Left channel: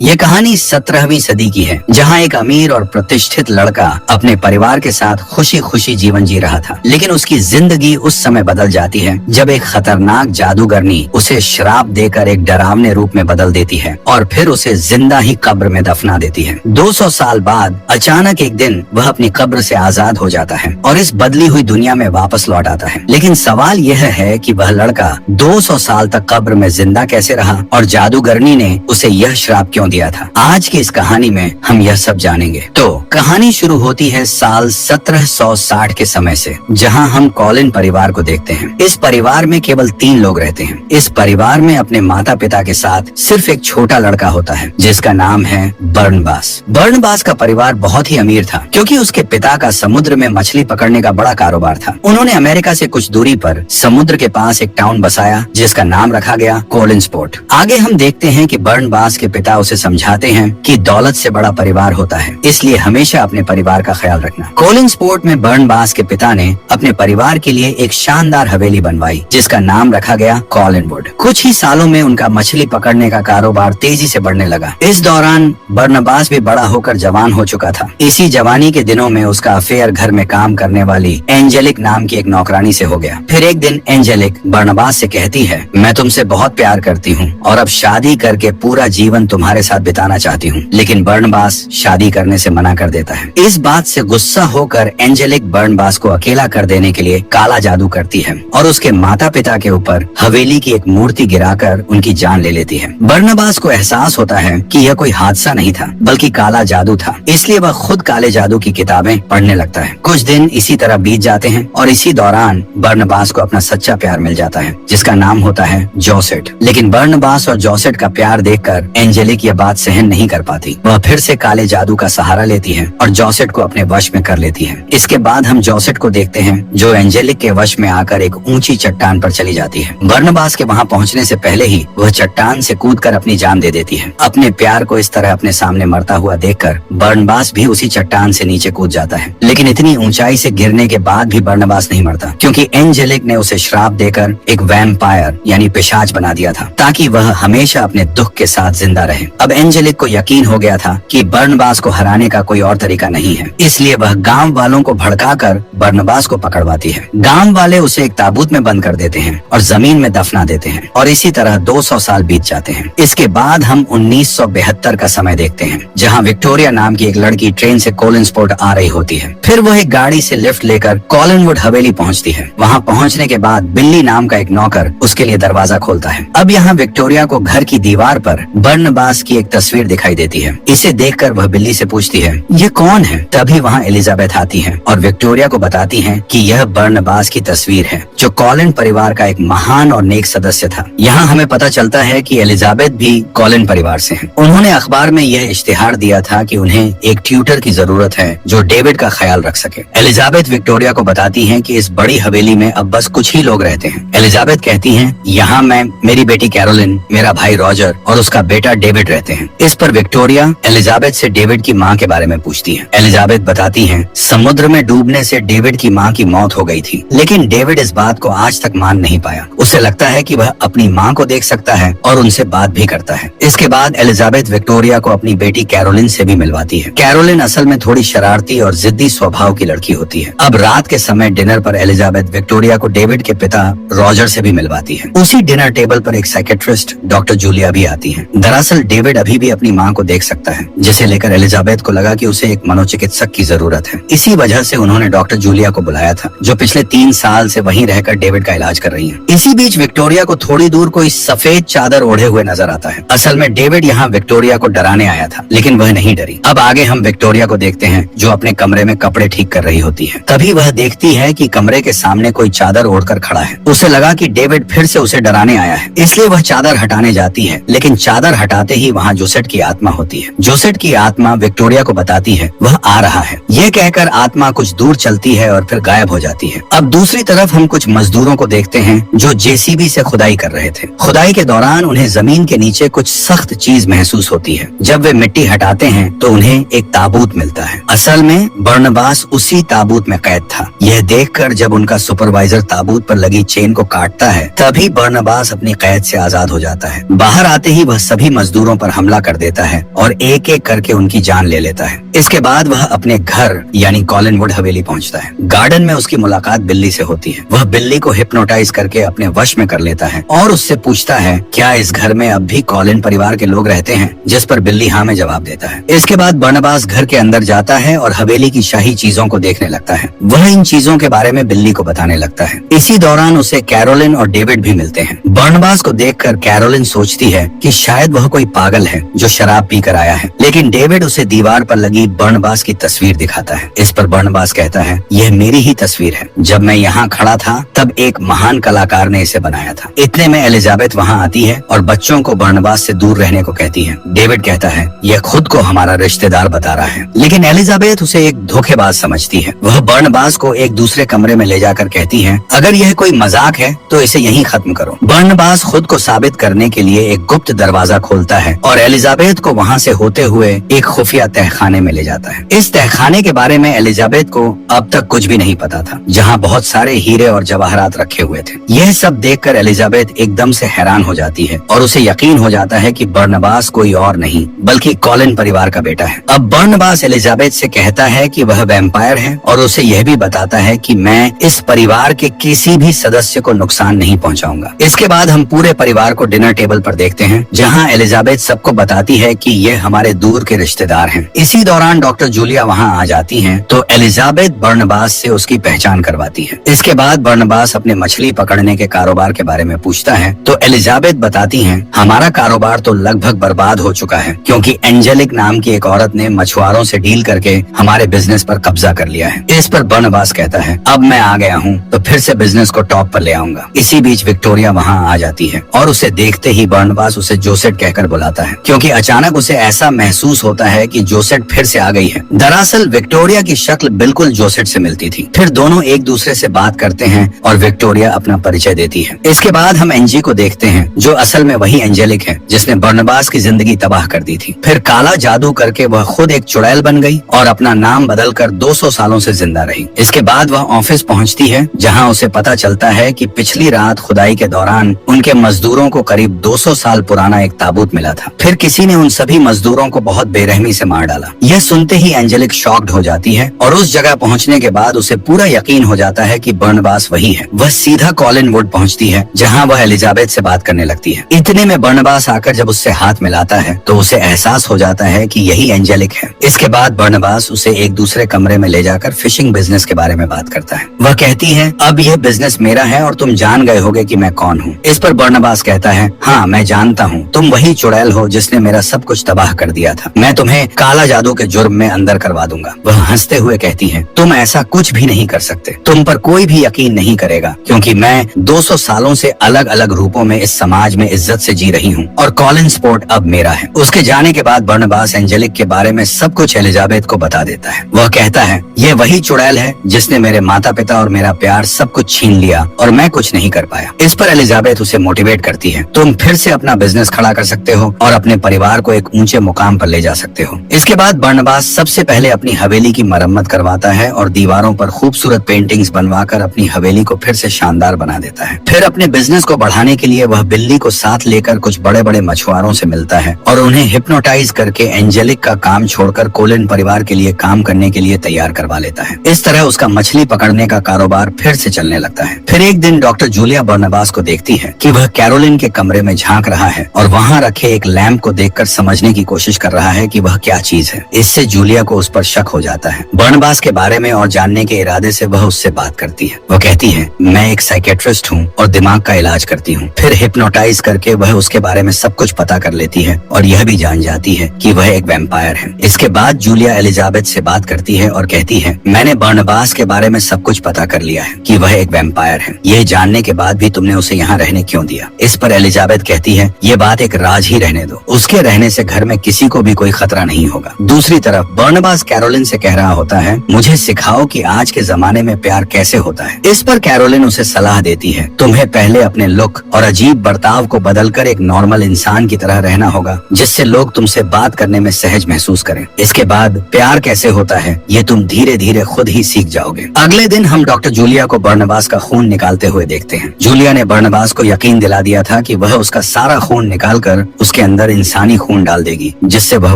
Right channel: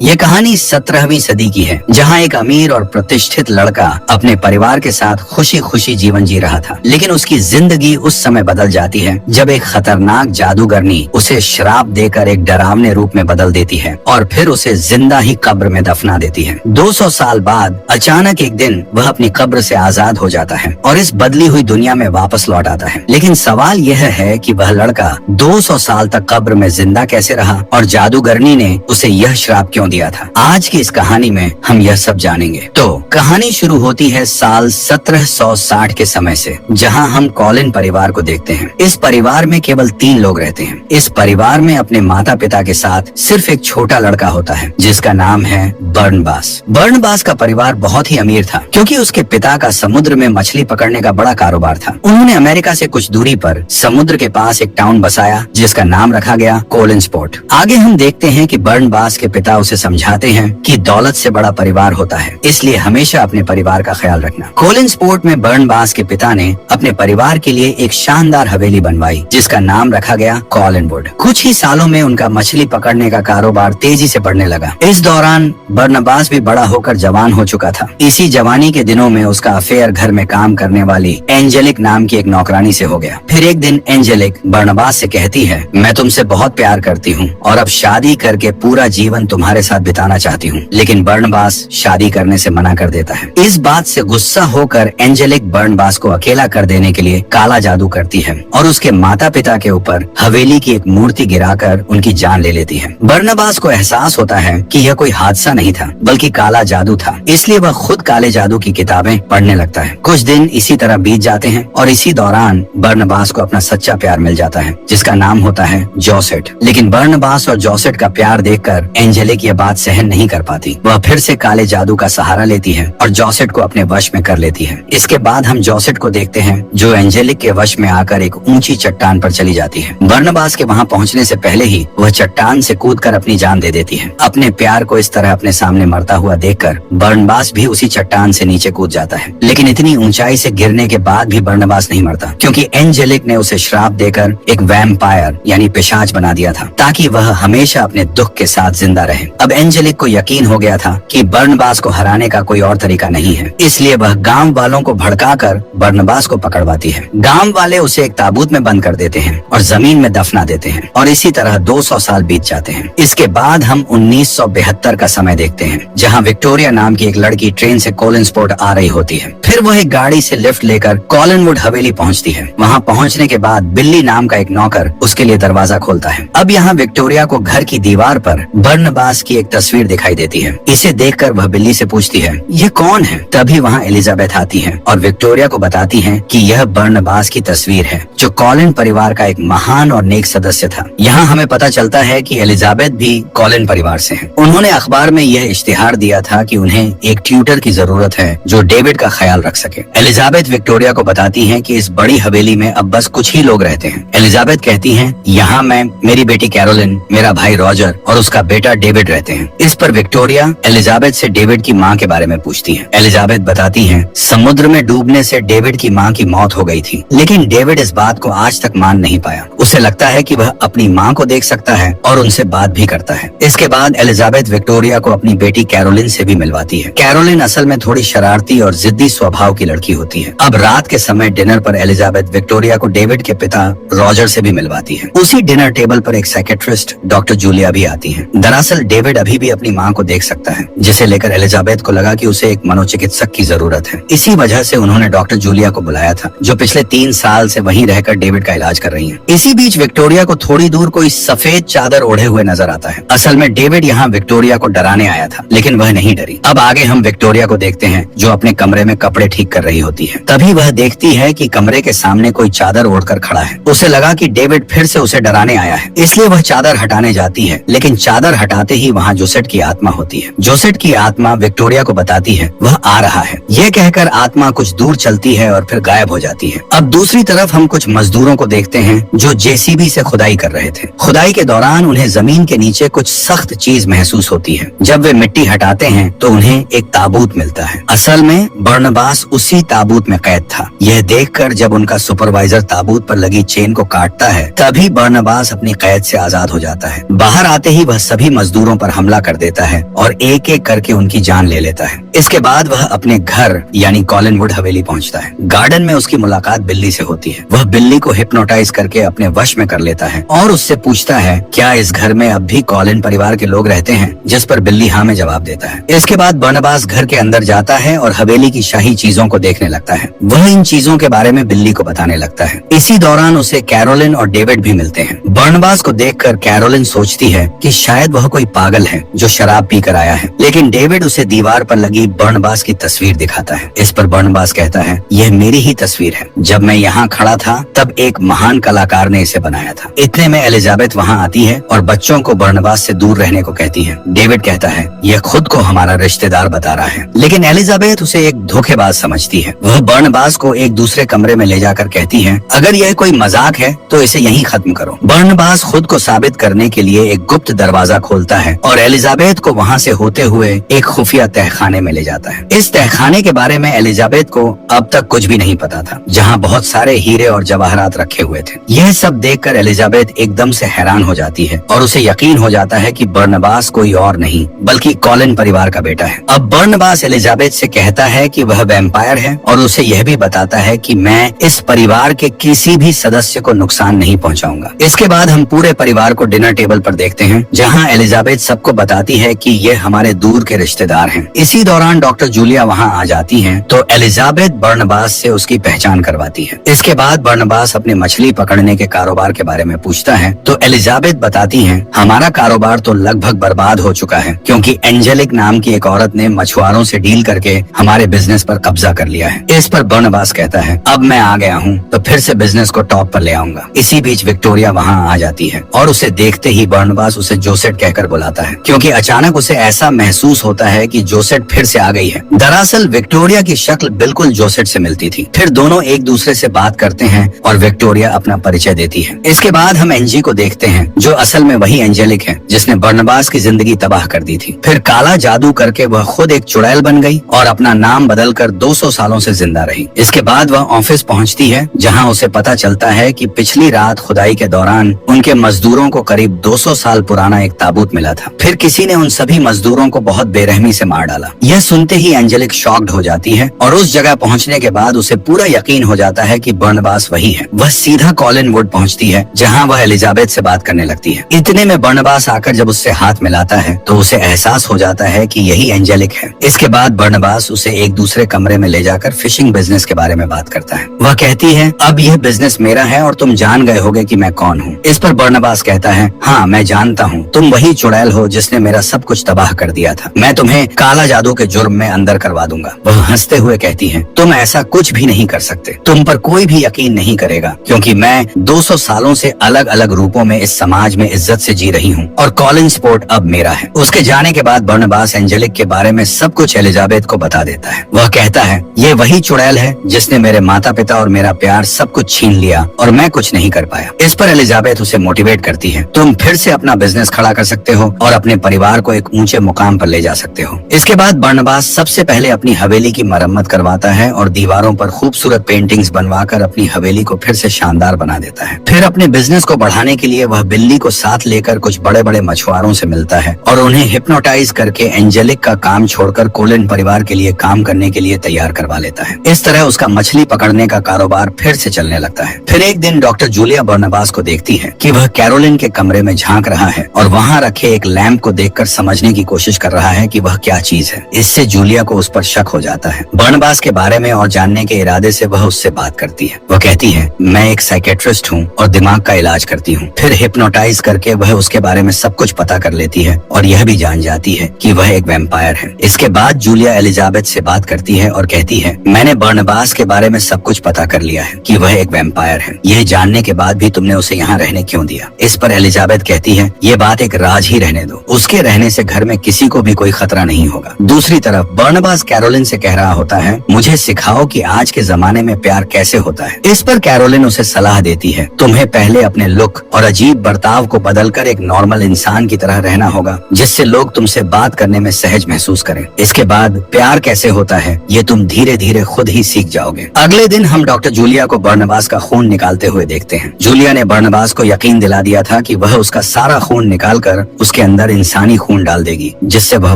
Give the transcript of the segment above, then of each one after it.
ये कहानी 17वीं सदी की है, जहाँ एक अमीर और प्रतिष्ठित लड़का अपने परिवार के साथ खुशी खुशी जीवन जी रहा था। लेकिन उसकी जिंदगी उस समय बदल जाती है जब एक खतरनाक जादूगरनी उसे श्राप देकर एक डरावने रूप में बदल देती है और फिर उसे जिंदा ही कब्र में दफना देती है। 200 साल बाद अचानक एक दिन वह अपनी कब्र से आजाद हो जाता है और इस बदली हुई दुनिया में वापस लौट आता है। लेकिन सवाल यह है कि वह लड़का 200 साल तक कब्र में जिंदा कैसे रहा और जादूगरनी ने उसे यह श्राप क्यों दिया था। आज की इस कहानी में हम यह सब जानेंगे। तो कहानी शुरू होती है साल 1760 के समय से, जहां हम कॉलिन परिवार को देखते हैं। इस परिवार में केवल 3 लोग रहते हैं। इस परिवार में अपने माता पिता के साथ सिर्फ एक छोटा लड़का होता है जिसका नाम है बर्नबास। बर्नबास का परिवार बहुत ही अमीर था क्योंकि उसके पिता का समुद्र में मछली पकड़ने का बड़ा कारोबार था। उन्होंने अमेरिका से कुछ दूरी पर समुद्र के पास एक टाउन बसाया जिसका नाम रखा गया कोलिन्सपोर्ट। आगे हम देखते हैं कि बर्नबास के पिता उसे समझाते हैं कि दौलत से बड़ा परिवार होता है, इसलिए हमेशा अपने परिवार का ख्याल रखना। कोलिन्सपोर्ट में बर्नबास के पिता ने अपने परिवार के लिए एक शानदार हवेली बनवाई जिसका नाम रखा गया कॉलिनवुड। कुछ ही सालों में उनका मछली पकड़ने का कारोबार तेजी से बढ़ने लगा। इस दौरान बर्नबास भी बड़ा होकर जवान हो चुका था। इसी जवानी के दिनों में उसका अफेयर घर में काम करने वाली एंजेलिक नाम की एक नौकरानी से हो गया। फिर एक दिन एंजेलिक बर्नबास से कहती है, मैं तुमसे बहुत प्यार करती हूँ और अब शादी करके पूरा जीवन तुम्हारे साथ बिताना चाहती हूँ। लेकिन बर्नबास शादी करने से मना कर देता है। इस बात से गुस्सा होकर एंजेलिक बर्नबास को अकेला कर देने के लिए काला जादू करती है और उसके माता पिता के ऊपर हवेली की एक मूर्ति गिराकर उनकी जान ले लेती है। बर्नबास को एहसास होता है कि यह कोई हादसा नहीं था बल्कि काला जादू था, इसलिए वह खुद काले जादू की किताबें पढ़ने लगता है। कुछ दिन इसी तरह बीत जाते हैं और इसी दौरान बर्नबास को अपना सच्चा प्यार मिल जाता है जिसका नाम होता है जोसेट। लेकिन बर्नबास और जोसेट का प्यार देखकर एंजेलिक यह बात सहन नहीं कर पाती। वह फिर से काले जादू का सहारा लेती है और जोसेट को अपने वश में कर लेती है। इसके बाद हम जोसेट को देखते हैं जो एंजेलिक के वश में आकर एक ऊंची चट्टान पर चली जाती है। बर्नबास के वहां पहुंचने से पहले ही वह चट्टान से कूदकर अपनी जान दे देती है। अपने प्यार को इस तरह अपने सामने मरता हुआ देखकर बर्नबास भी उसी चट्टान से नीचे कूद जाता है। लेकिन इतनी ऊंचाई से गिरने के बाद भी बर्नबास नहीं मरता क्योंकि एंजेलिक ने उसे श्राप देकर एक वैम्पायर यानी पिशाच बना दिया था ताकि वह हमेशा अपने दुख के साथ जिंदा रहे। अब एंजेलिक को यकीन हो गया था कि बर्नबास को हराने का कोई और तरीका नहीं है, इसलिए वह गांव वालों को भड़काकर बर्नबास को पकड़वाती है। गांव वाले उसे एक ताबूत में बंद कर देते हैं और जमीन में दफना देते हैं और इसी तरह 200 साल बीत जाते हैं। इसके बाद हम 1972 का समय देखते हैं जहां विक्टोरिया नाम की एक लड़की ट्रेन से कोलिन्सपोर्ट आ रही होती है। फिर वह एक गाड़ी से लिफ्ट लेकर कॉलिनवुड हवेली पहुंचती है। वहां पहुंचने के बाद बिल्ली नाम का एक नौकर उसके लिए दरवाजा खोलता है। अब यहाँ विक्टोरिया को घर की दीवार पर बर्नबास की एक तस्वीर दिखाई देती है। इसे देखकर वह बिल्ली से पूछती है, ये कौन है? तभी वहाँ एलिजाबेथ आती है और विक्टोरिया को बताती है कि यह बर्नबास की तस्वीर है जो कॉलिन परिवार का एक महान और नेक सदस्य था। यहाँ हमें पता चलता है कि एलिजाबेथ भी कॉलिन परिवार से हैं। उन्होंने अखबार में यह इश्तिहार दिया था कि उन्हें एक ट्यूटर की जरूरत है जो डेविड का ख्याल रख सके। एलिजाबेथ विक्टोरिया को बताती है कि इस बड़ी हवेली में अब बस कुछ ही लोग रहते हैं। एलिजाबेथ कहती है, यहाँ मैं, मेरी बेटी कैरोलिन, मेरा भाई रॉजर और उसका बेटा डेविड रहते हैं। इस पर विक्टोरिया एलिजाबेथ से डेविड की माँ के बारे में पूछती है। एलिजाबेथ बताती है, समुद्र में डूबने से डेविड की माँ की मौत हो गई थी, लेकिन डेविड इस बात को आज तक मान नहीं पाया। उसे लगता है कि वह अपनी माँ को देख सकता है और उनसे बात भी करता है। इसके बाद एलिजाबेथ विक्टोरिया को अपनी बेटी कैरोलिन से भी मिलवाती है। कैरोलिन असल में थोड़ी शरारती और जिद्दी स्वभाव की लड़की होती है। अब रात के समय डिनर पर एलिजाबेथ विक्टोरिया को डेविड के पिता रॉजर से भी मिलवाती है। उसी डिनर टेबल पर एक साइकेट्रिस्ट डॉक्टर जूलिया भी आती है। दरअसल डेविड अभी भी अपनी माँ को देख सकता है, जिसे लेकर एलिजाबेथ को लगा कि उसे एक मनोचिकित्सक की जरूरत है। इसी वजह से उन्होंने डॉक्टर जूलिया को बुलाया था जो पिछले 3 साल से वहीं रहकर डेविड का इलाज कर रही है। इसी बीच विक्टोरिया को थोड़ी दूर कोई सफेद चादर ओढ़े हुए नजर आता है। असल में डेविड यहाँ विक्टोरिया को डराने आया था, लेकिन वह नहीं डरी। अब आगे हम विक्टोरिया को देखते हैं जो अपने कमरे में कपड़े ठीक कर रही होती है। तभी वह देखती है कि कमरे के सामने कोई चादर ओढ़कर खड़ा है। उसे लगा कि डेविड फिर से उसे डराने आया है, इसलिए वह चादर हटाने जाती है। लेकिन चादर हटाते ही वहाँ जोसेट की आत्मा होती है। जोसेट की आत्मा विक्टोरिया को बताती है वह आ रहा है। ये कहकर आत्मा कुछ दूर चलती है और फिर गायब हो जाती है। अब दूसरी तरफ हम कुछ मजदूरों को देखते हैं जो जेसीबी से खुदाई कर रहे थे। खुदाई के दौरान उन्हें जमीन के नीचे कुछ सख्त चीज महसूस होती है। जब वे मिट्टी हटाते हैं तो उन्हें एक ताबूत मिलता है। असल में बर्नबास उसी ताबूत में कैद था। यह देखकर जब उनका सुपरवाइजर ताबूत पर लगी चेन को काटता है, तभी बर्नबास अपनी कैद से आजाद हो जाता है। बाहर आते ही वह सभी मजदूरों पर पर हमला कर देता है और एक एक करके उनकी जान ले लेता है। इसके बाद वह अपने घर यानी कॉलिनवुड हवेली पहुंचता है। गार्डन में उसकी मुलाकात बिल्ली से होती है। वह बिल्ली को हिप्नोटाइज करके अपने वश में कर लेता है और उससे पूछता है क्या इस घर में अब भी कॉलिन परिवार के लोग रहते हैं, जिस पर बिल्ली हाँ में जवाब देता है। इसके बाद बर्नबास घर के अंदर जाता है और हवेली की शाही चीजों को देखने लगता है। वह इन चीजों के बारे में बिल्ली को बताने लगता है। इसी दौरान उसे कैरोलिन और डेविड भी मिलते हैं। बर्नबास को देखकर कैरोलिन सोचती है कि शायद वह कोई पागल है जो शराब पीकर आया है, लेकिन डेविड उसे दीवार पर लगी बर्नबास की तस्वीर दिखाता है। इस पर बर्नबास कहता है यह मेरी ही तस्वीर है। जब मैं यहाँ खड़ा था तब एक महान कलाकार ने इसे बनाया था। इतने में एलिजाबेथ वहाँ आती है और बच्चों को बर्नबास से दूर रहने को कहती है। डेविड कहता है यह खुद को हमारा रिश्तेदार बता रहा है, लेकिन एलिजाबेथ उसे एक धोखेबाज समझती है। वह बर्नबास को एक दूसरे कमरे में ले जाकर कहती है अगर यह कोई मजाक है तो इसे यहीं खत्म करो। बर्नबास खुद को साबित करने के लिए एक गुप्त दरवाजा खोलता है और एलिजाबेथ को वहाँ से होते हुए एक खुफिया तहखाने में ले जाता है। इस तहखाने के बारे में एलिजाबेथ को अब तक कुछ भी नहीं पता था, जहाँ बहुत सारे हीरे और जवाहरात रखे हुए थे। यह सब देखकर एलिजाबेथ एकदम से हैरान हो जाती है और उसे यकीन हो जाता है कि बर्नबास कोई और नहीं बल्कि कॉलिन परिवार का बेटा है। अब बर्नबास एलिजाबेथ से कहता है कि वह वैम्पायर है और उसे यह भी बताता है कि मैं इस परिवार के किसी भी सदस्य को नुकसान नहीं पहुंचाऊंगा। इसके बाद हम पूरे परिवार को डिनर टेबल पर देखते हैं, जहां एलिजाबेथ सबको बताती है कि ये हमारे दूर के रिश्तेदार हैं। इसी दौरान डॉक्टर जूलिया वहां आ जाती हैं, तो एलिजाबेथ बर्नबास से उसकी पहचान करवाती है। इसके बाद बर्नबास अपने मछली पकड़ने के कारोबार के बारे में पूछता है, तो एलिजाबेथ बताती हैं हमारा कारोबार तो लगभग बर्बाद हो चुका है, क्योंकि एंजेलिक नाम की एक औरत ने मछुआरों से डील करके हमारे बिजनेस पर कब्जा कर लिया है। इस पर बर्नबास कहता है अब मैं आ गया हूँ तो फिर से बिजनेस को टॉप पर ले आऊंगा। इसी बीच विक्टोरिया वहाँ आ जाती है और उसे देखते ही बर्नबास उसे जोसेट कहकर बुलाता है, क्योंकि अचानक उसे ऐसा महसूस होता है कि जोसेट फिर से आ गई है। दरअसल विक्टोरिया की शक्ल बिल्कुल जोसेट से मिलती थी। फिर दोनों एक दूसरे से बात करते हैं और विक्टोरिया अपना परिचय देती है। इसके बाद हम एंजी को देखते हैं, जो असल में वही एंजेलिक है जिसने बर्नबास की जिंदगी तबाह कर दी थी। फिर काला जादू करके वह खुद एक चुड़ैल बन गई और अपना नाम बदलकर 200 सालों से जिंदा रही। इसके बाद वह ऑफिस पहुंचती है, जहां उसे पता चलता है कि पिछली रात खुदाई के दौरान उनके मजदूरों को करीब 200 साल पुराना एक ताबूत मिला था। फिर किसी ने उन सभी मजदूरों को बहुत बेरहमी से मार डाला। यह सुनते ही एंजेलिक शॉक्ड हो जाती है और उस जगह पहुंचने के बाद उसे पूरा यकीन हो जाता है कि बर्नबास वही है। वह सीधा कॉलिनवुड पहुंचती है, जहां वह एलिजाबेथ से बात करने लगती है। इतने में बर्नबास आकर जब उससे हाथ मिलाता है तो उसे एहसास हो जाता है कि यही एंजेलिक है। इसके बाद बर्नबास उसे एक दूसरे कमरे में ले जाकर फिशिंग बिजनेस के बारे में बात करता है। वह कहती है अब यह बिजनेस मेरा है और तुम जान गए होगे कि मैं कौन हूँ। इस पर बर्नबास कहता है हाँ मैं जानता हूँ, तुम वही चुड़ैल हो जिसने मेरा सब कुछ तबाह कर दिया था। मैं तुम्हें काला जादू के जुर्म में अंदर करवा दूंगा। वह हंसते हुए कहती है तुम ऐसा कुछ भी नहीं कर सकते, तुम पर कोई भी यकीन नहीं करेगा, क्योंकि मैं 200 सालों से अलग अलग रूपों में इस समाज में इज्जत से जी रही हूँ और कॉलिन स्पोर्ट अब मेरा है। उसके जाने के बाद बर्नबास एंजेलिक के बारे में सब कुछ एलिजाबेथ को बता देता है। वह कहता है ये वही चुड़ैल है जिसने मेरे माता पिता और मेरा प्यार सब कुछ छीन लिया और मैं कुछ नहीं कर पाया। इस पर एलिजाबेथ उसे मोटिवेट करती है, तुम फिर से अपना बिजनेस खड़ा कर सकते हो और अपने परिवार को एक ऊंचे मुकाम पर ले जा सकते हो। इसके बाद बर्नबास सबसे पहले अपनी हवेली की मरम्मत करवाता है और दीवारों पर खूबसूरत पेंटिंग्स बनवाकर अपनी हवेली को फिर से शानदार बना देता है। फिर अपने बिजनेस को बढ़ाने के लिए वह बिल्ली को साथ लेकर कुछ बड़े बड़े मछुआरों से मिलता है और उन्हें हिप्नोटाइज करके एंजेलिक का काम छोड़कर कोलिन परिवार के लिए काम करने के लिए तैयार करवा लेता है। इस तरह उसका मछली पकड़ने का कारोबार फिर से चलने लगता है। फिर एक दिन डॉक्टर जूलिया बर्नबास को देखती है कि वह कैरोलिन के कमरे में झांक रहा है और वहाँ रखे एक लैंप को देखकर समझने की कोशिश कर रहा है कि वह क्या चीज है। इससे जूलिया को उस पर शक हो जाता है। बर्नबास के बारे में और जानने के इरादे से वह उससे बात करती है। वह कहती है मैं एक साइकेट्रिस्ट हूँ और दिमाग का इलाज करती हूँ। फिर हिप्नोटाइज करके वह उसके बारे में सब कुछ पता कर लेती है और यह भी जान जाती है कि वह एक वैम्पायर है। इसके बाद जूलिया एलिजाबेथ से बात करती है और कहती है मैंने बर्नबास के बारे में सब कुछ पता कर लिया है कि वह एक वैम्पायर है। यह जानने के बाद भी तुमने उसे यहाँ रहने क्यों दिया? इस पर एलिजाबेथ कहती है ये बात एक राज ही रहने दो, उसके रहने से घर में किसी को भी कोई खतरा नहीं होगा। दूसरी तरफ बर्नबास कैरोलिन से कह रहा होता है मुझे सिखाओ कि आज के जमाने में प्यार कैसे होता है। इस पर कैरोलिन उसे सलाह देती है तुम्हें पहले अपने लुक और अजीब बर्ताव को बदलकर एक नॉर्मल इंसान की तरह रहना होगा, जिससे लोग तुमसे बात करने में सहज महसूस करें। इसके बाद प्यार कैसे होता है ये तुम धीरे धीरे खुद ही सीख जाओगे। अगले दिन हम डॉक्टर जूलिया को बर्नबास का खून निकालते हुए देखते हैं। जूलिया ने बर्नबास को यकीन दिला दिया था कि वह उसका सारा खून निकालकर उसके अंदर अंदर इंसानी खून डाल देगी, जिससे वह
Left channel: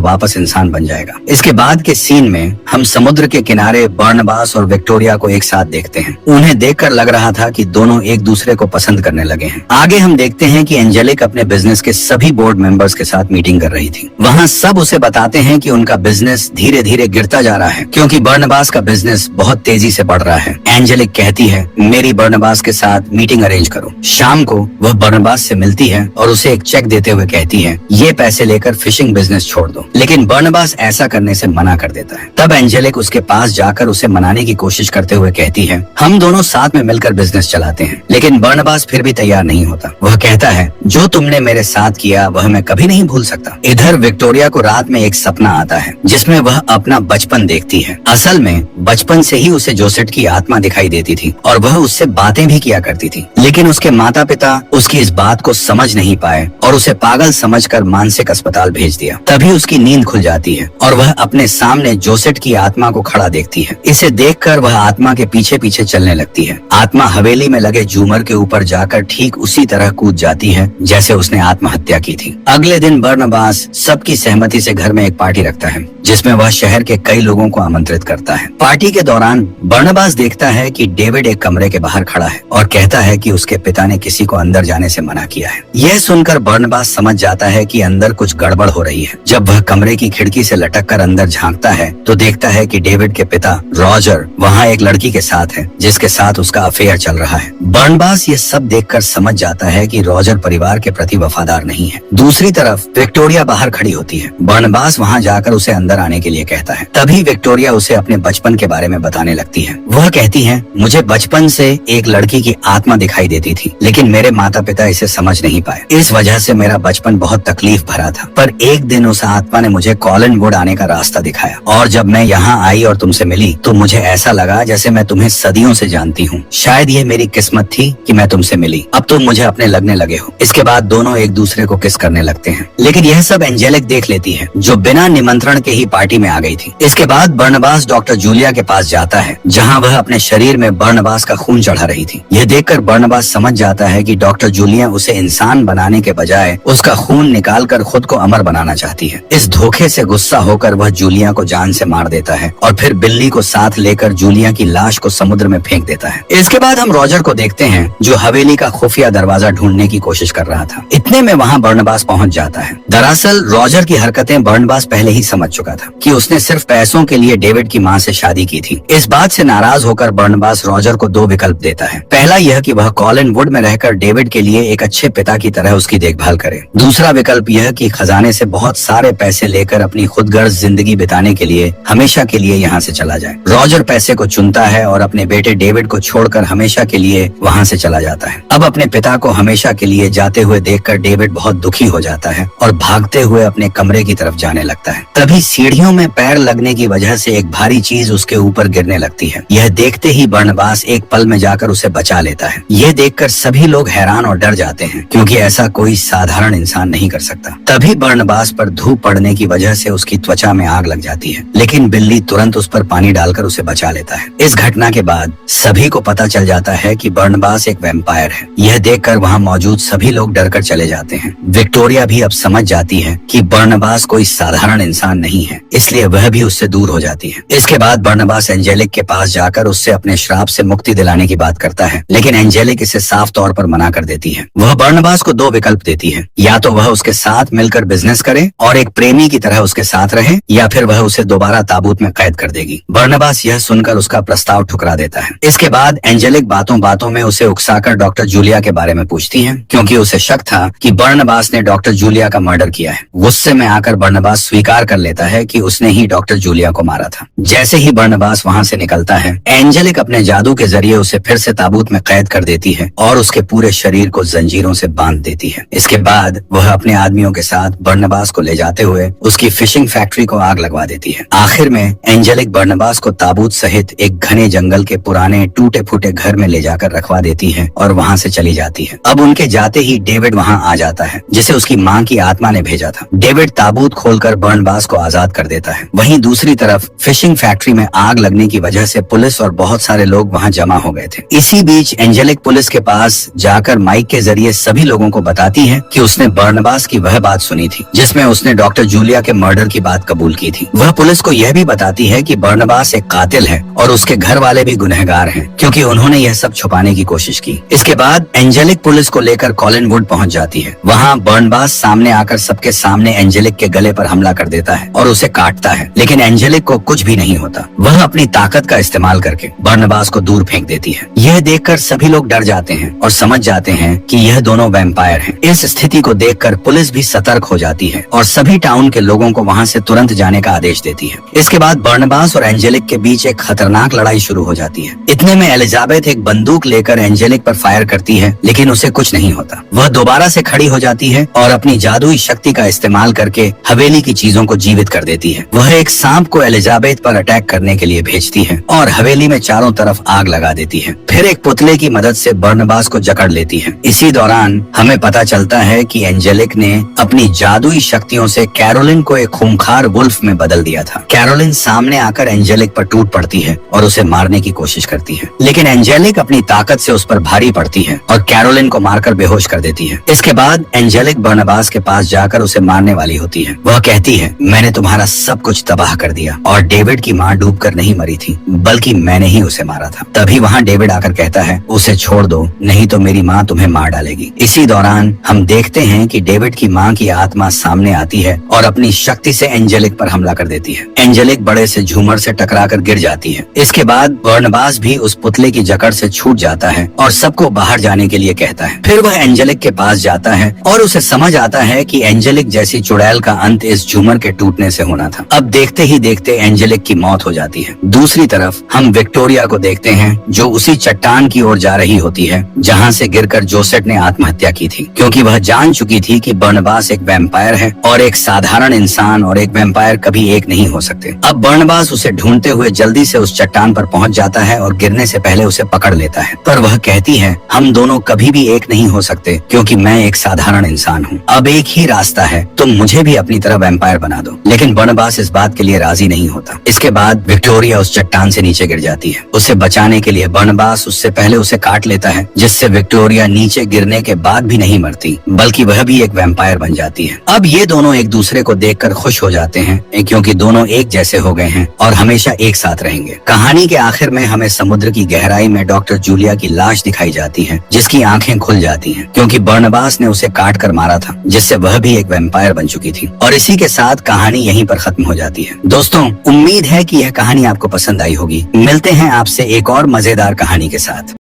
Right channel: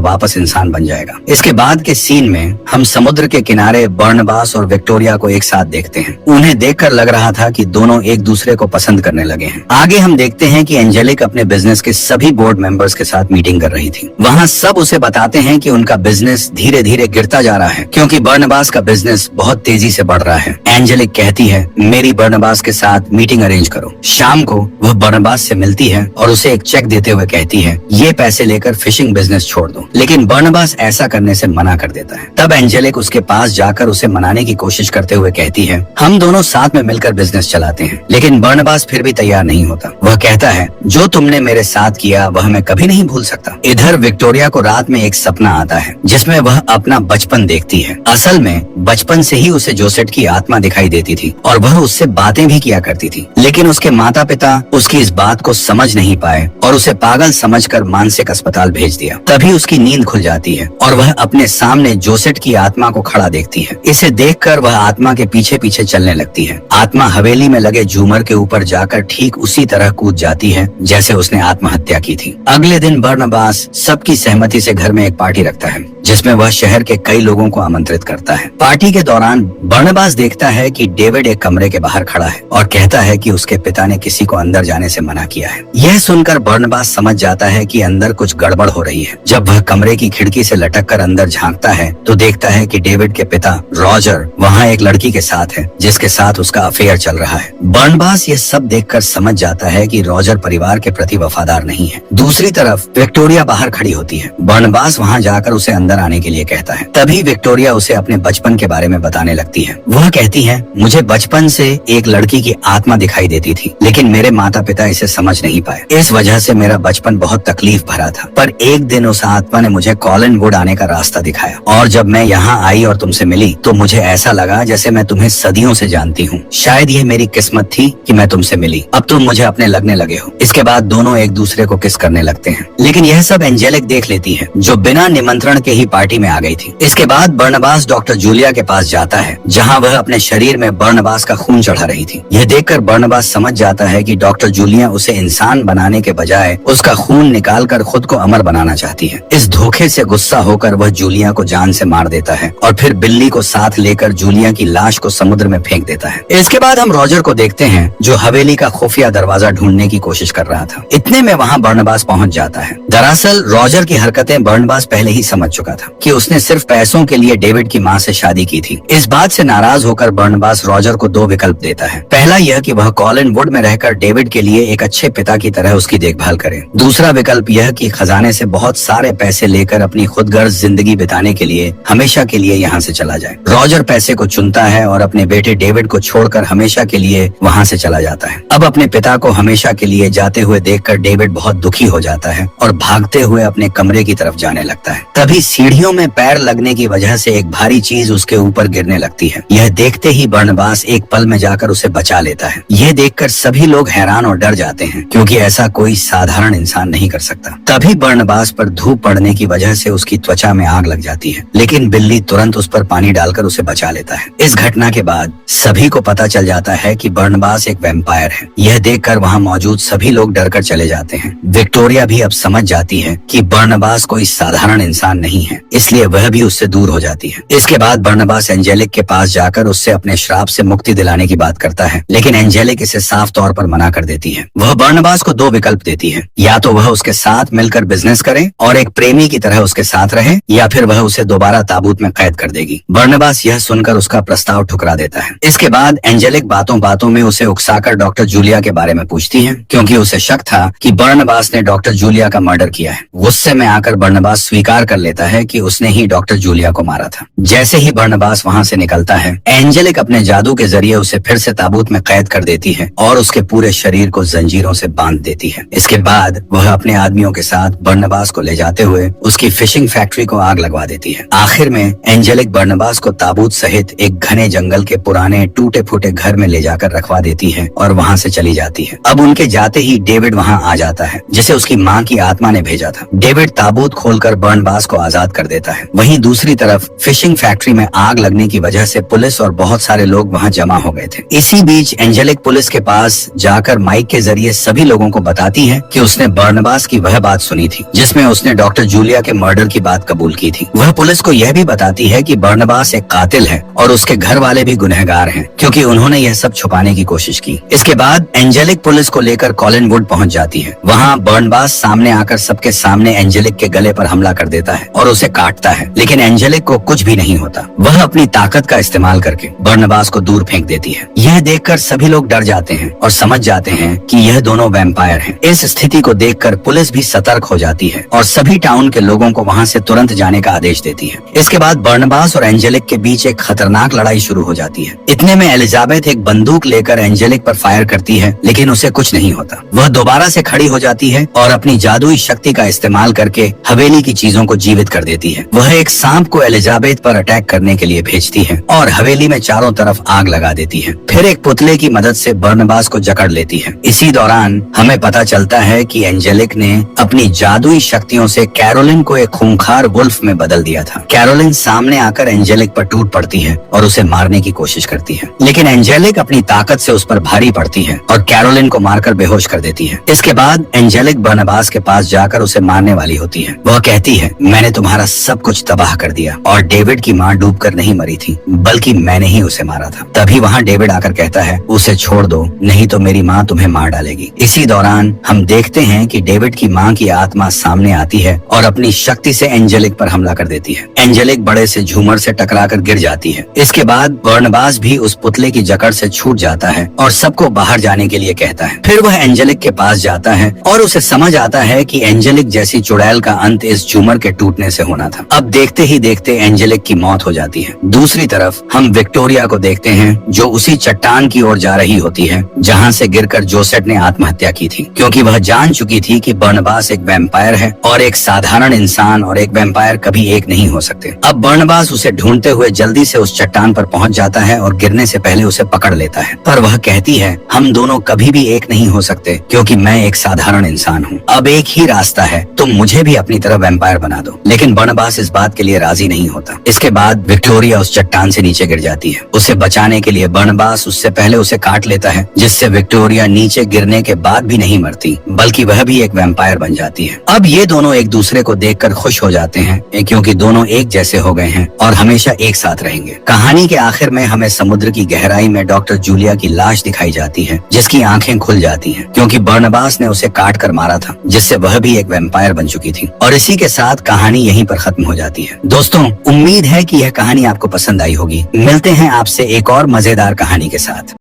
वापस इंसान बन जाएगा। इसके बाद के सीन में हम समुद्र के किनारे बर्नबास और विक्टोरिया को एक साथ देखते हैं। उन्हें देखकर लग रहा था कि दोनों एक दूसरे को पसंद करने लगे हैं। आगे हम देखते हैं कि एंजेलिक अपने बिजनेस के सभी बोर्ड मेंबर्स के साथ मीटिंग कर रही थी। वहाँ सब उसे बताते हैं कि उनका बिजनेस धीरे धीरे गिरता जा रहा है, क्योंकि बर्नबास का बिजनेस बहुत तेजी से बढ़ रहा है। एंजेलिक कहती है, मेरी बर्नबास के साथ मीटिंग अरेंज करो। शाम को वह बर्नबास से मिलती है और उसे एक चेक देते हुए कहती है, ये पैसे लेकर फिशिंग बिजनेस छोड़ दो। लेकिन बर्नबास ऐसा करने से मना कर देता है। तब एंजेलिक उसके पास जाकर उसे मनाने की कोशिश करते हुए कहती है, हम दोनों साथ में मिलकर बिजनेस चलाते हैं। लेकिन बर्नबास फिर भी तैयार नहीं होता। वह कहता है, जो तुमने मेरे साथ किया वह मैं कभी नहीं भूल सकता। इधर विक्टोरिया को रात में एक सपना आता है, जिसमें वह अपना बचपन देखती है। असल में बचपन से ही उसे जोसेट की आत्मा दिखाई देती थी और वह उससे बातें भी किया करती थी। लेकिन उसके माता पिता उसकी इस बात को समझ नहीं पाए और उसे पागल समझकर मानसिक अस्पताल भेज दिया। तभी उसकी नींद खुल जाती है और वह अपने सामने जोसेट की आत्मा को खड़ा देखती है। इसे देखकर वह आत्मा के पीछे पीछे चलने लगती है। आत्मा हवेली में लगे झूमर के ऊपर जाकर ठीक उसी तरह कूद जाती है जैसे उसने आत्महत्या की थी। अगले दिन बर्नबास सबकी सहमति से घर में एक पार्टी रखता है, जिसमें वह शहर के कई लोगों को आमंत्रित करता है। पार्टी के दौरान बर्नबास देखता है कि डेविड एक कमरे के बाहर खड़ा है और कहता है कि उसके पिता ने किसी को अंदर जाने से मना किया है। यह सुनकर बर्नबास समझ जाता है कि अंदर कुछ गड़बड़ हो रही है। जब वह कमरे की खिड़की से लटककर अंदर झांकता है तो देखता है कि डेविड के पिता रॉजर वहाँ एक लड़की के साथ है, जिसके साथ उसका अफेयर चल रहा है। बर्नबास ये सब देखकर समझ जाता है कि रॉजर परिवार के प्रति वफादार नहीं है। दूसरी तरफ विक्टोरिया बाहर खड़ी होती है। बर्नबास वहाँ जाकर उसे अंदर आने के लिए कहता है। तभी विक्टोरिया उसे अपने बचपन के बारे में बताने लगती है। वह कहती है, मुझे बचपन से एक लड़की की आत्मा दिखाई देती थी, लेकिन मेरे माता पिता इसे समझ नहीं पाए। इस वजह से मेरा बचपन बहुत तकलीफ भरा था। पर एक दिन उस आत्मा ने मुझे कॉलिनवुड आने का रास्ता दिखाया और जब मैं यहाँ आई और तुमसे मिली तो मुझे ऐसा लगा जैसे मैं तुम्हें सदियों से जानती हूँ। शायद ये मेरी किस्मत थी कि मैं तुमसे मिली। अब तुम मुझे अपने लगने लगे हो। इसके बाद दोनों एक दूसरे को किस करने लगते हैं। लेकिन यह सब एंजेलिक देख लेती है, जो बिना निमंत्रण के ही पार्टी में आ गई थी। इसके बाद बर्नबास डॉक्टर जूलिया के पास जाता है, जहाँ वह अपने शरीर में बर्नबास का खून चढ़ा रही थी। यह देखकर बर्नबास समझ जाता है कि डॉक्टर जूलिया उसे इंसान बनाने के बजाय उसका खून निकालकर खुद को अमर बनाना चाहती है। इस धोखे से गुस्सा होकर वह जूलिया को जान से मार देता है और फिर बिल्ली को साथ लेकर जूलिया की लाश को समुद्र में फेंक देता है। इसके बाद हम रॉजर को देखते हैं, जो हवेली का खुफिया दरवाजा ढूंढने की कोशिश कर रहा था। इतने में वहाँ बर्नबास पहुँच जाता है। दरअसल रॉजर की हरकतें बर्नबास पहले ही समझ चुका था कि उसने सिर्फ पैसों के लिए डेविड की माँ से शादी की थी। इस बात से नाराज होकर बर्नबास रॉजर को दो विकल्प देता है। पहला यह कि वह कॉलिनवुड में रहकर डेविड के लिए एक अच्छे पिता की तरह उसकी देखभाल करे। दूसरा विकल्प यह कि खजाने से बहुत सारे पैसे लेकर अपनी खुदगर्ज जिंदगी बिताने के लिए हमेशा के लिए यहाँ से चला जाए। रॉजर पैसे को चुनता है और अपने बेटे डेविड को छोड़कर हमेशा के लिए वहाँ से चला जाता है। अब अपने पिता को हमेशा के लिए जाते हुए देखकर डेविड बहुत दुखी हो जाता है और भागते हुए अपने कमरे की तरफ जाने लगता है। तभी सीढ़ियों में पैर लगने की वजह से एक भारी चीज उसके ऊपर गिरने लगती है। यह देखते ही बर्नबास एक पल में जाकर उसे बचा लेता है। यह देखकर सभी लोग हैरान और डर जाते हैं, क्योंकि ऐसा कोई साधारण इंसान नहीं कर सकता। तभी बर्नबास पर धूप पड़ने की वजह से उसकी त्वचा में आग लग जाती है, लेकिन बिल्ली तुरंत उस पर पानी डालकर उसे बचा लेता है। इस घटना के बाद सभी को पता चल जाता है कि बर्नबास एक वैम्पायर है। यह देखकर वहाँ मौजूद सभी लोग डरकर चले जाते हैं। विक्टोरिया भी अब समझ जाती है कि बर्नबास कोई साधारण इंसान नहीं है, इसलिए वह भी उससे दूर हो जाती है। इसके बाद बर्नबास एंजेलिक के पास जाकर उससे अपने श्राप से मुक्ति दिलाने की बात करता है, लेकिन एंजेलिक इसे साफ तौर पर मना कर देती है। वह बर्नबास को दो विकल्प देती है, या तो वह उसके साथ मिलकर बिजनेस करे और एक प्रेमी की तरह उसके साथ रहे, या फिर वह उसे दोबारा ताबूत में कैद कर देगी। बर्नबास यह सुनकर उसका प्रस्ताव ठुकरा देता है। इसके बाद एंजेलिक बातों बातों में उसे उकसाकर डॉक्टर जूलिया के बारे में पूछती है, क्योंकि उसे शक था कि बर्नबास ने डॉक्टर जूलिया का मर्डर किया है। गुस्से में आकर बर्नबास स्वीकार कर लेता है कि उसने ही डॉक्टर जूलिया को मारा था। जैसे ही बर्नबास वहाँ से निकलता है, एंजेलिक अपने जादू के जरिए उसे फिर से ताबूत में कैद कर देती है और उसके पूरे शरीर को जंजीरों से बांध देती है। इसके बाद वह अपने आदमियों के साथ बर्नबास को ले जाते हुए उसकी फिशिंग फैक्ट्री को आग लगवा देती है। आखिर में एंजेलिक बर्नबास को ताबूत सहित एक घने जंगल के पुराने टूटे फूटे घर में ले जाकर रखवा देती है और वहाँ से चली जाती है। अब उनके जाते ही डेविड वहाँ आ जाता है, जिसे उसकी माँ की आत्मा ने भेजा था। डेविड ताबूत खोलकर बर्नबास को आजाद कर देता है। वहीं दूसरी तरफ फिशिंग फैक्ट्री में आग लगने की वजह से पुलिस और बहुत सारे लोग वहाँ जमा हो गए थे। इसी बीच एंजेलिक पुलिस के पास जाकर माइक के जरिए सभी लोगों को बताती है कि उसने बर्नबास की वह बात सुनी थी जिसमें उसने डॉक्टर जूलिया के मर्डर की बात कबूल की थी। वह पुलिस को यह भी बताती है कि बर्नबास एक कातिल है और उसके घर वाले भी गुनहगार हैं क्योंकि उन्होंने यह सब छुपाने की कोशिश की। इसके बाद एंजेलिक पुलिस को लेकर कॉलिनवुड पहुंच जाती है। वहाँ बर्नबास सामने आकर सबके सामने एंजेलिक के गले पर हमला कर देता है और उसे काटता है, लेकिन एंजेलिक को कुछ भी नहीं होता। वह अपनी ताकत का इस्तेमाल करके बर्नबास को दूर फेंक देती है। यह देखकर सभी लोग डर जाते हैं और समझ जाते हैं कि यह दोनों वैम्पायर हैं। इस स्थिति को देखकर पुलिस भी सतर्क हो जाती है और सभी टाउन के लोगों को वहाँ से तुरंत जाने का आदेश देती है। इसके बाद बर्नबास और एंजेलिक के बीच एक खतरनाक लड़ाई शुरू हो जाती है। इतने में एलिजाबेथ एक बंदूक लेकर एंजेलिक पर फायर करती है, लेकिन उसे कुछ नहीं होता। वह दोबारा से खड़ी हो जाती है और अपनी जादुई शक्ति का इस्तेमाल करके हवेली की चीजों को जीवित कर देती है। वह एक सांप को एलिजाबेथ पर अटैक करने के लिए भेजती है और हवेली में चारों तरफ आग लगा देती है। फिर एक पुतले की मदद से बर्नबास को जकड़ लेती है। इसी दौरान हमें पता चलता है कि एंजेलिक ने अपनी जादुई शक्तियों से कैरोलिन को एक खूंखार वुल्फ में बदल दिया था। कैरोलिन सामने आकर एंजेलिक पर टूट पड़ती है और उसे मारने की कोशिश करती है, लेकिन एंजेलिक अपनी ताकत से उस पर भारी पड़ती है और कैरोलिन को मारकर बेहोश कर देती है। इसके बाद एंजेलिक बर्नबास के पास जाकर उसे मारने वाली होती है। वह कहती है, मैंने तुम्हारा सब कुछ तबाह कर दिया और डेविड की माँ डूबकर नहीं मरी थी, बल्कि मैंने ही उसे मारा था। तभी वहाँ डेविड आकर कहता है, उसे छोड़ दो, नहीं तो मेरी माँ तुम्हें मार डालेगी। इसी दौरान हम देखते हैं कि डेविड की माँ की आत्मा सामने आती है और अपनी शक्ति से एंजेलिक पर हमला कर देती है। एंजेलिक बड़े से झूमर से टकराकर गिर जाती है। इसके बाद बर्नबास भी उस पुतले की जकड़ से छूट जाता है और सबको बाहर जाने के लिए कहता है। फिर वह एंजेलिक के पास जाता है और उसे समझ आता है कि एंजेलिक जैसी चुड़ैल का अंत इस झूमर के टूटने से होना था। अब देखते ही देखते एंजेलिक की मौत हो जाती है। दूसरी तरफ हम विक्टोरिया को देखते हैं जो उसी चट्टान की ओर जा रही होती है जहाँ से गिरकर जोसेफ ने आत्महत्या की थी, क्योंकि वह जान चुकी थी कि बर्नबास एक वैम्पायर है और एक साधारण इंसान और एक वैम्पायर कभी एक नहीं हो सकते। अब बर्नबास उसे ढूंढते हुए जल्दी से उस चट्टान पर पहुंच जाता है और गिरने से पहले उसे पकड़ लेता है, पर वह कहती है, हम दोनों कभी भी एक नहीं हो सकते क्योंकि मैं एक साधारण इंसान हूँ। अब एक ही रास्ता है, तुम मुझे भी अपनी तरह वैम्पायर बना दो। लेकिन बर्नबास इस बात के लिए राजी नहीं होता। इसके बाद विक्टोरिया उस चट्टान से नीचे गिर जाती है। उसे बचाने के लिए बर्नबास उससे पहले उसे काट लेता है, जिससे विक्टोरिया नीचे गिरने के बाद भी नहीं मरती, बल्कि वह भी एक वैम्पायर बन जाती है। अब ये दोनों एक दूसरे को देखकर खुश हो जाते हैं क्योंकि दोनों एक जैसे हो गए हैं और हमेशा एक साथ रहेंगे। कहानी के आखिर में हमें समुद्र की गहराई में डॉक्टर जूलिया की लाश दिखाई जाती है, जिसकी आंखें खुल जाती हैं क्योंकि बर्नबास ने उसे काट कर मारा था, जिससे वह भी एक वैम्पायर बन चुकी थी। और इसी के साथ कहानी यहीं पर खत्म हो जाती है। दोस्तों, उम्मीद है कि यह कहानी आपको पसंद आई होगी। मिलते हैं आपसे एक और मजेदार कहानी के साथ।